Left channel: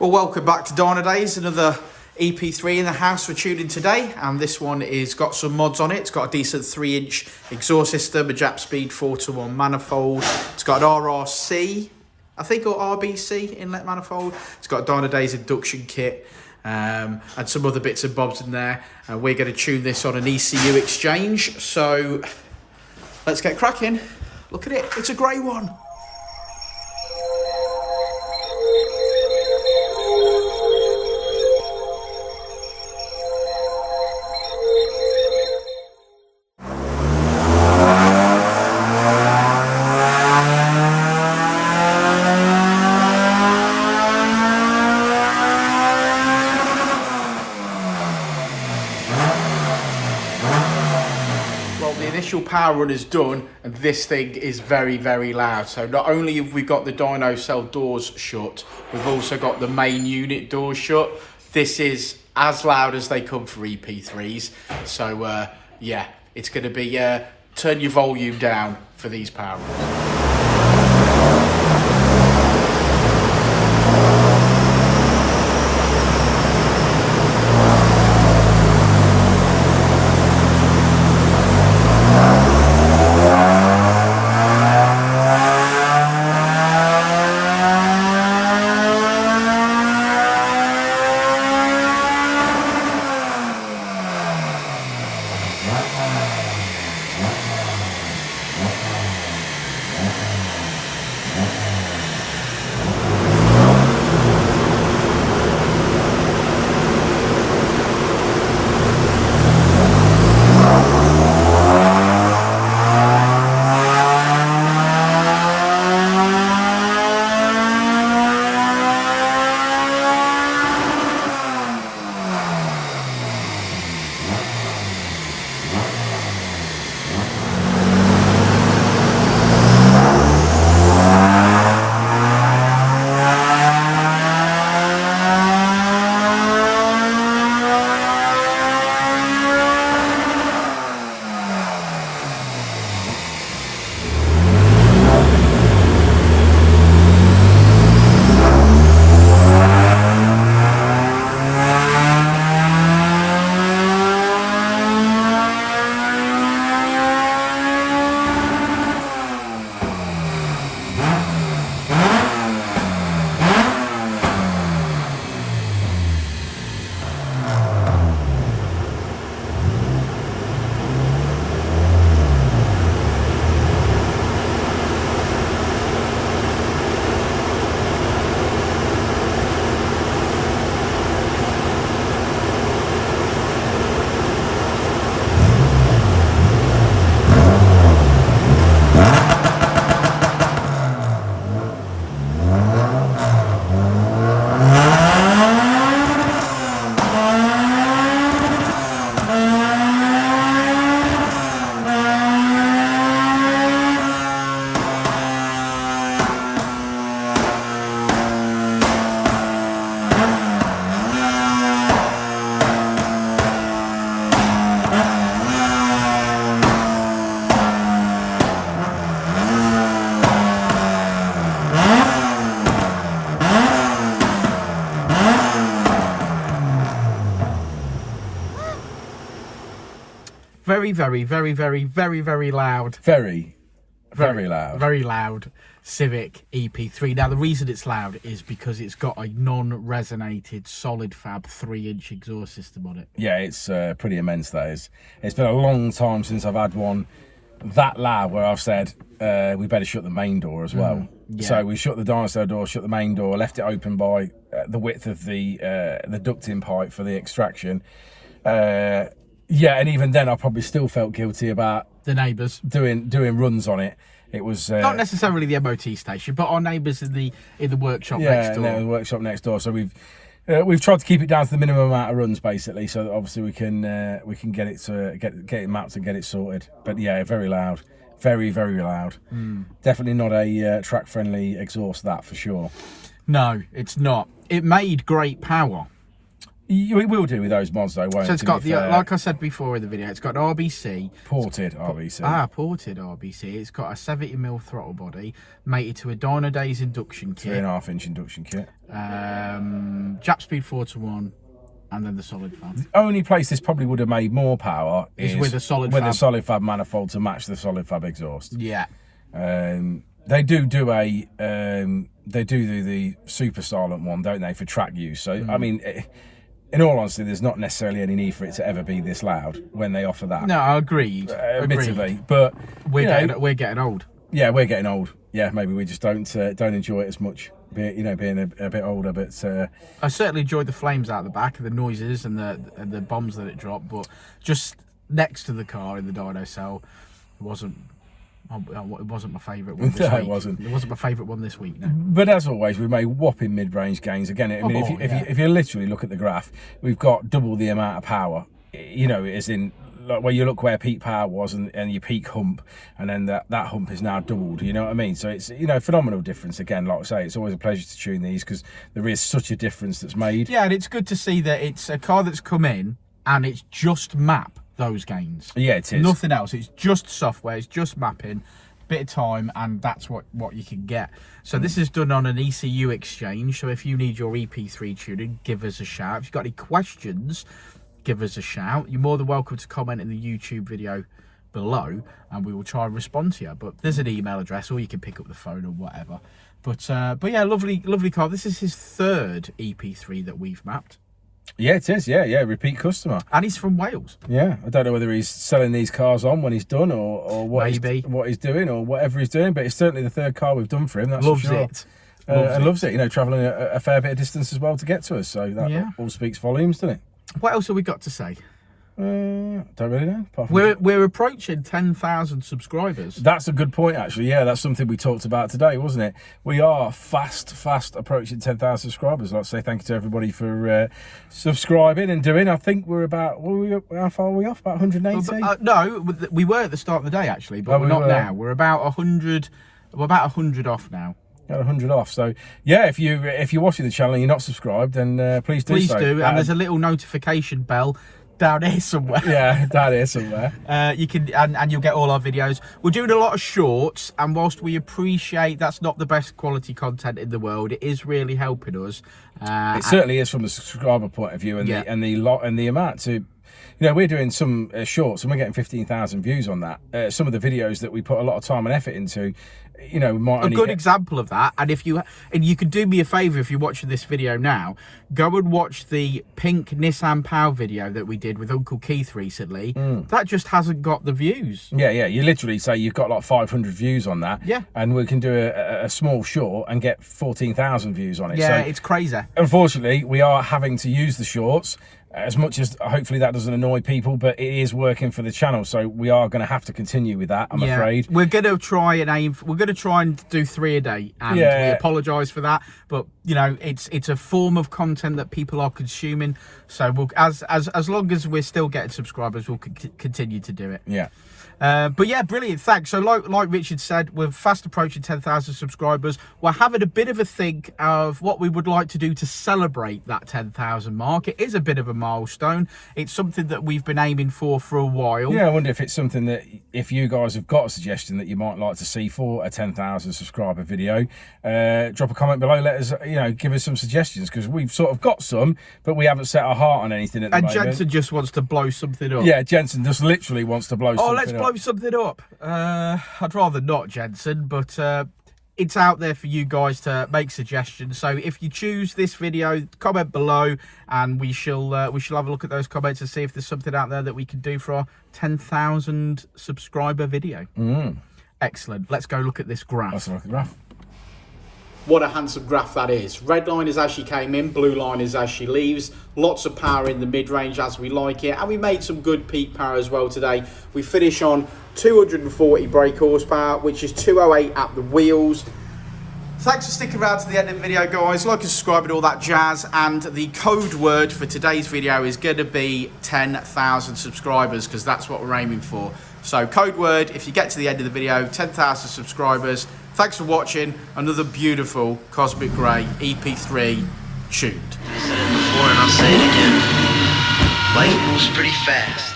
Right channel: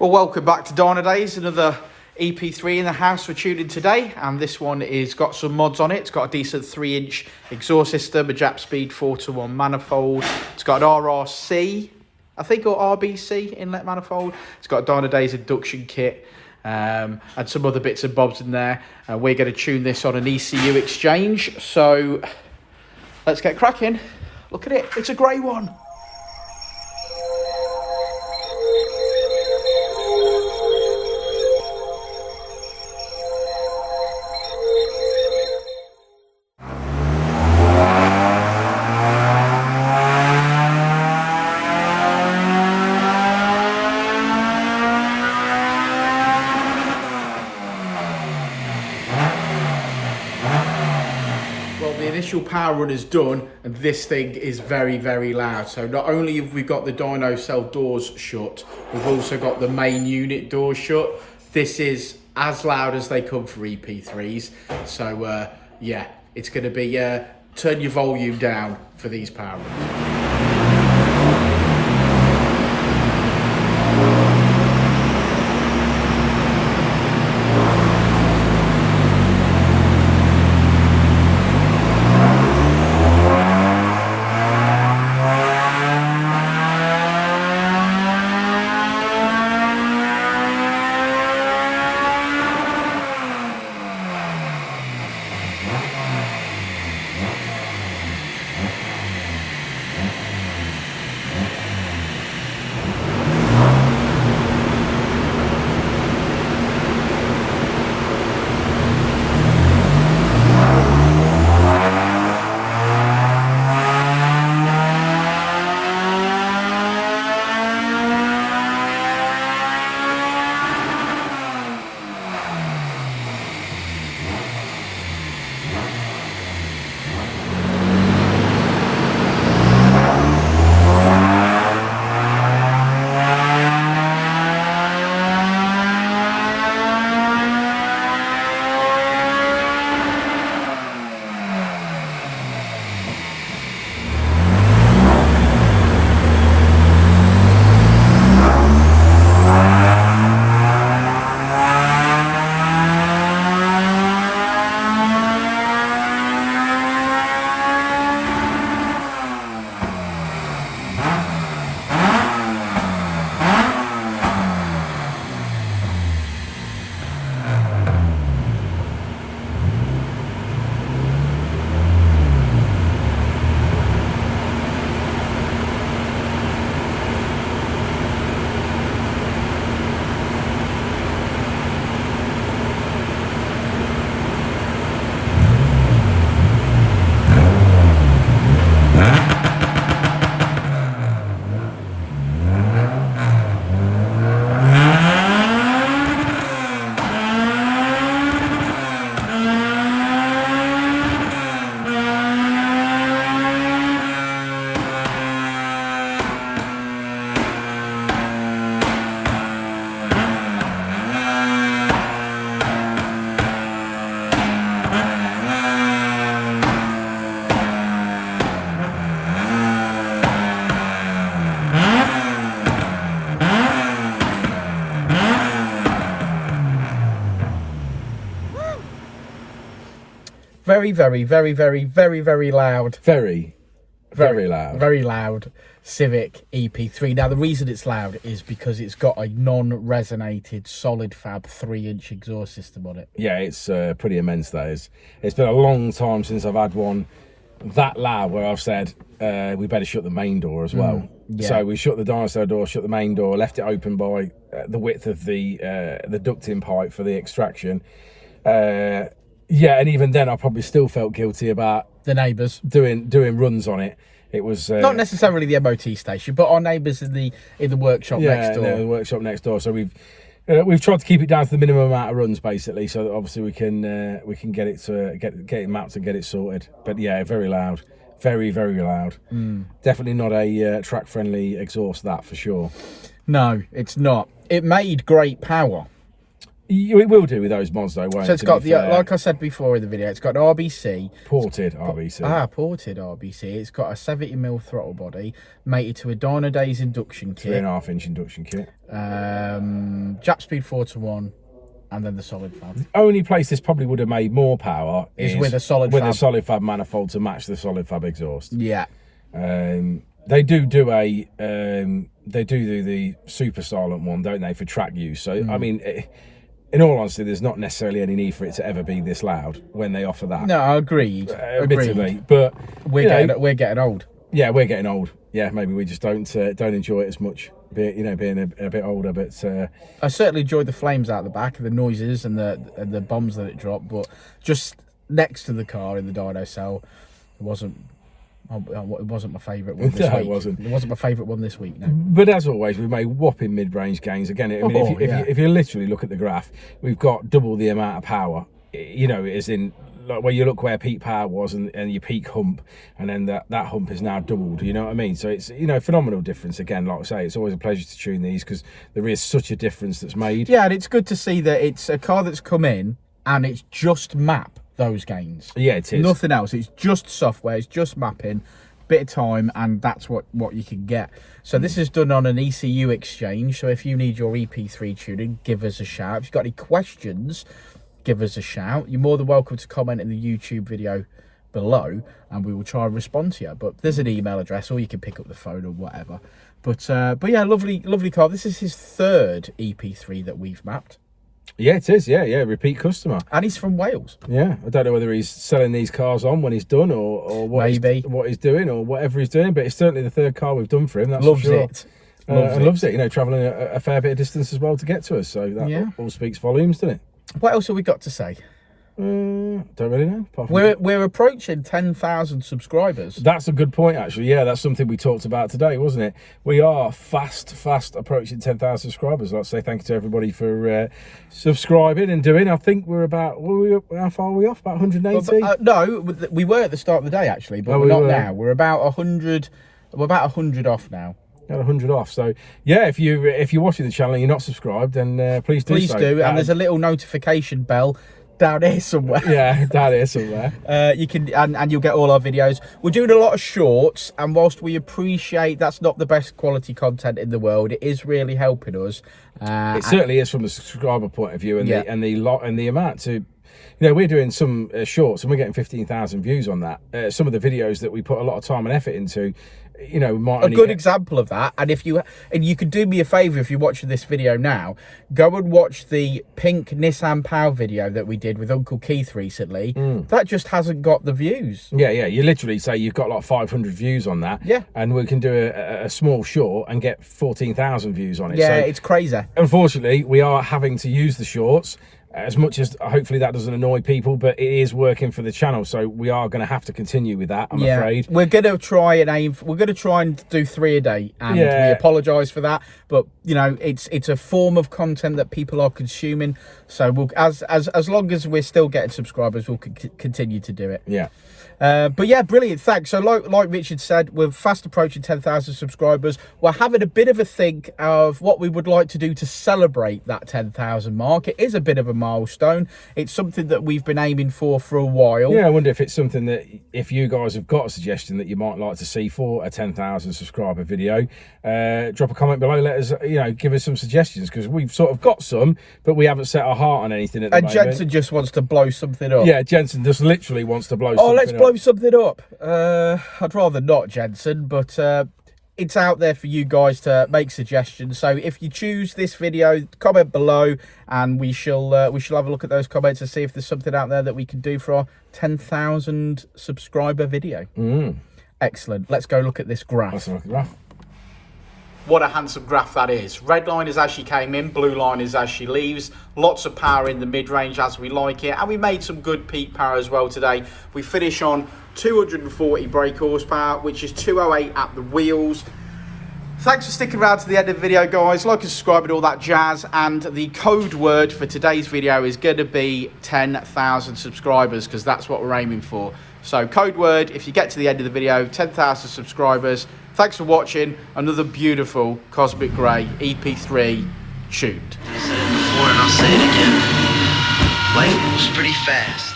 Well, welcome back to Dynodaze, another EP3 in the house for tuning today, and this one is got some mods on it. It's got a decent 3-inch exhaust system, a Jap speed 4-to-1 manifold. It's got an RRC, I think, or RBC inlet manifold. It's got a Dynodaze induction kit and some other bits and bobs in there. We're going to tune this on an ECU exchange, so let's get cracking. Look at it, it's a grey one. The initial power run is done, and this thing is very, very loud. So not only have we got the dyno cell doors shut, we've also got the main unit doors shut. This is as loud as they come for EP3s. So yeah, it's going to be turn your volume down for these power runs. Very loud. Very loud. Very loud Civic EP3. Now, the reason it's loud is because it's got a non-resonated solid fab 3-inch exhaust system on it. Yeah, it's pretty immense, that is. It's been a long time since I've had one that loud where I've said we better shut the main door as well. Yeah. So we shut the dyno door, shut the main door, left it open by the width of the ducting pipe for the extraction. Yeah, and even then I probably still felt guilty about the neighbours doing runs on it. It was not necessarily the MOT station, but our neighbours in the workshop next door. Yeah, the workshop next door. So we've tried to keep it down to the minimum amount of runs, basically, so that obviously we can get it to get it mapped and get it sorted. But yeah, very loud, very loud. Definitely not a track friendly exhaust, that for sure. No, it's not. It made great power. It will do with those mods though, won't it? So it's got the, like I said before in the video, it's got an RBC. Ported RBC. Ported RBC. It's got a 70mm throttle body, mated to a Dynodaze induction kit. 3.5-inch induction kit. Jap speed 4:1, and then the solid fab. The only place this probably would have made more power is with a solid fab manifold to match the solid fab exhaust. Yeah. They do the super silent one, don't they, for track use? So I mean, in all honesty, there's not necessarily any need for it to ever be this loud when they offer that. No, agreed. Admittedly, but we're getting old. Yeah, we're getting old. Yeah, maybe we just don't enjoy it as much. Being a bit older, but I certainly enjoyed the flames out the back, the noises and the bombs that it dropped. But just next to the car in the dyno cell, it wasn't my favourite one this week. It wasn't. It wasn't my favourite one this week, no. But as always, we made whopping mid-range gains. Again, I mean, if you literally look at the graph, we've got double the amount of power. You know, as in, like, where you look where peak power was and your peak hump, and then that hump is now doubled. You know what I mean? So it's, you know, phenomenal difference. Again, like I say, it's always a pleasure to tune these because there is such a difference that's made. Yeah, and it's good to see that it's a car that's come in and it's just map those gains. Yeah, it is. Nothing else. It's just software. It's just mapping, bit of time, and that's what you can get. So this is done on an ECU exchange. So if you need your EP3 tuning, give us a shout. If you've got any questions, give us a shout. You're more than welcome to comment in the YouTube video below, and we will try and respond to you. But there's an email address, or you can pick up the phone or whatever. But yeah, lovely car. This is his third EP3 that we've mapped. Yeah, it is. Yeah, repeat customer. And he's from Wales. Yeah, I don't know whether he's selling these cars on when he's done, or what he's doing, or whatever he's doing. But it's certainly the third car we've done for him. That's loves for sure. It. Loves it. You know, travelling a fair bit of distance as well to get to us. So that all speaks volumes, doesn't it? What else have we got to say? Don't really know. We're approaching 10,000 subscribers. That's a good point, actually. Yeah, that's something we talked about today, wasn't it? We are fast approaching 10,000 subscribers. I'd like to say thank you to everybody for subscribing and doing. I think we're about, how far are we off? About 180? No, we were at the start of the day, actually, but we're not now. We're about 100. We're about 100 off now. Got 100 off. So yeah, if you're watching the channel and you're not subscribed, then please do. Please do. And there's a little notification bell down here somewhere. Yeah, down here somewhere. You can and you'll get all our videos. We're doing a lot of shorts, and whilst we appreciate that's not the best quality content in the world, it is really helping us. It certainly is from the subscriber point of view, and the amount to. You know, we're doing some shorts and we're getting 15,000 views on that. Some of the videos that we put a lot of time and effort into, you know, might a good example of that. And if you could do me a favour if you're watching this video now, go and watch the pink Nissan Pow video that we did with Uncle Keith recently. That just hasn't got the views. Yeah. You literally say you've got like 500 views on that. Yeah. And we can do a small short and get 14,000 views on it. Yeah, so, it's crazy. Unfortunately, we are having to use the shorts. As much as hopefully that doesn't annoy people, but it is working for the channel, so we are going to have to continue with that. I'm afraid we're going to try and do 3 a day, and we apologise for that. But you know, it's a form of content that people are consuming. So we'll, as long as we're still getting subscribers, we'll continue to do it. Yeah. But yeah, brilliant, thanks. So like Richard said, we're fast approaching 10,000 subscribers. We're having a bit of a think of what we would like to do to celebrate that 10,000 mark. It is a bit of a milestone. It's something that we've been aiming for a while. Yeah, I wonder if it's something that, if you guys have got a suggestion that you might like to see for a 10,000 subscriber video, drop a comment below, let us, you know, give us some suggestions, because we've sort of got some, but we haven't set our heart on anything at the moment. And Jensen just wants to blow something up. Yeah, Jensen just literally wants to blow something up. Let's blow something up. I'd rather not, Jensen, but it's out there for you guys to make suggestions. So if you choose this video, comment below, and we shall have a look at those comments and see if there's something out there that we can do for our 10,000 subscriber video. Excellent. Let's go look at this graph. Let's look at the graph. What a handsome graph that is. Red line is as she came in, blue line is as she leaves. Lots of power in the mid-range as we like it. And we made some good peak power as well today. We finish on 240 brake horsepower, which is 208 at the wheels. Thanks for sticking around to the end of the video, guys. Like and subscribe and all that jazz. And the code word for today's video is going to be 10,000 subscribers, because that's what we're aiming for. So code word, if you get to the end of the video, 10,000 subscribers. Thanks for watching another beautiful Cosmic Grey EP3 tuned. Before and I'll say it again. Life moves pretty fast.